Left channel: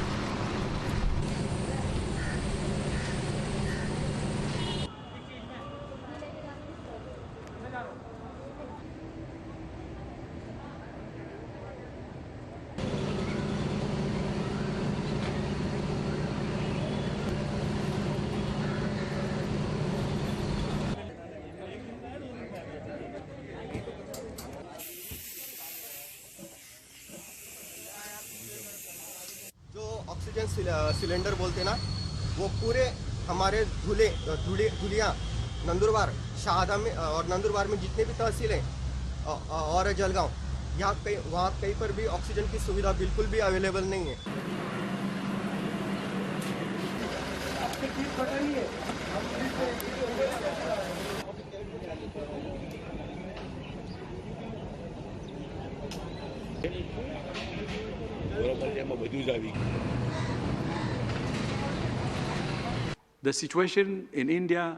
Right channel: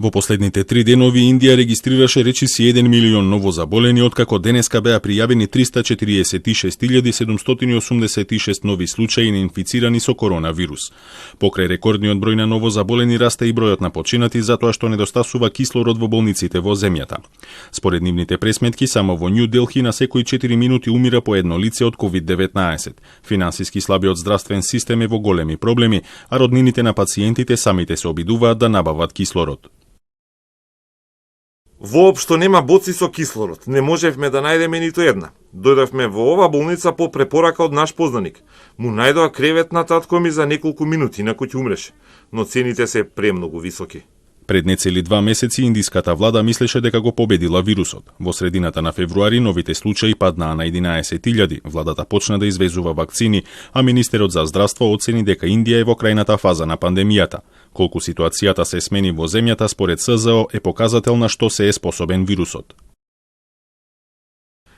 Во последните 3 денови Индија регистрираше речиси 1 милион новозаболени, откако денеска беа пријавени 346.786 нови случаи на инфицирани со коронавирус. Покрај рекордниот број на новозаболени расте и бројот на починати затоа што недостасува кислород во болниците во земјата. Според нивните пресметки, само во Нью Делхи на секои 4 минути умира по едно лице од COVID-19. Финансиски слабиот здравствен систем е во големи проблеми, а роднините на пациентите самите се обидуваат да набават кислород. Воопшто нема боци со кислород. Не можевме да најдеме ниту една. Дојдовме во ова болница по препорака од наш познаник. Му најдоа кревет на татко ми за неколку минути, на кој умреше. Но цените се премногу високи. Пред нецели 2 месеци индиската влада мислеше дека го победила вирусот. Во средината на февруари новите случаи паднаа на 11.000. Владата почна да извезува вакцини, а министерот за здравство оцени дека Индија е во крајната фаза на пандемијата. Колку ситуацијата се смени во земјата според СЗО е показател на што се е способен вирусот.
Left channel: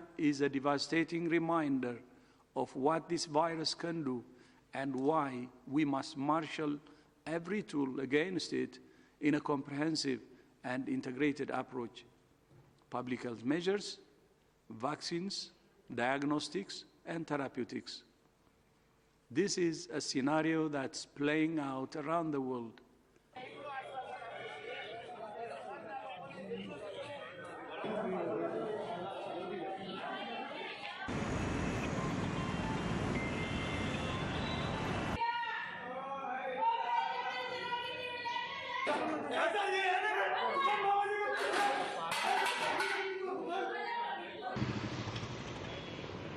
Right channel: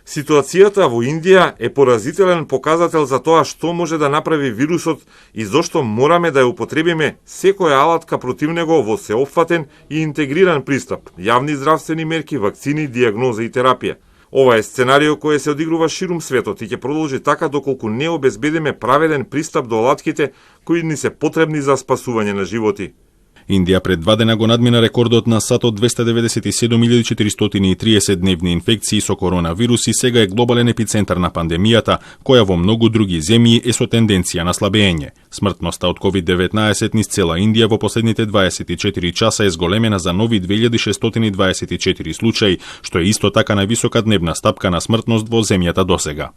Ситуацијата во Индија е поразителен показател за тоа што може да направи вирусот и зошто мораме да ја употребиме секоја алатка против него во сеопфатен и интегриран пристап, јавни здравствени мерки, вакцини, дијагноза и терапија. Ова е сценарио кој се одигрува ширум светот и ќе продолжи така доколку не обезбедиме праведен пристап до алатките кои ни се потребни за спасување на животи. Индија пред 2 дена го надмина рекордот на САД од 297.430 дневни инфекции со коронавирус и сега е глобален епицентар на пандемијата, која во многу други земји е со тенденција на слабење. Смртноста од COVID-19 низ цела Индија во последните 24 часа е зголемена за нови 2624 случаи, што е исто така највисока дневна стапка на смртност во земјата досега.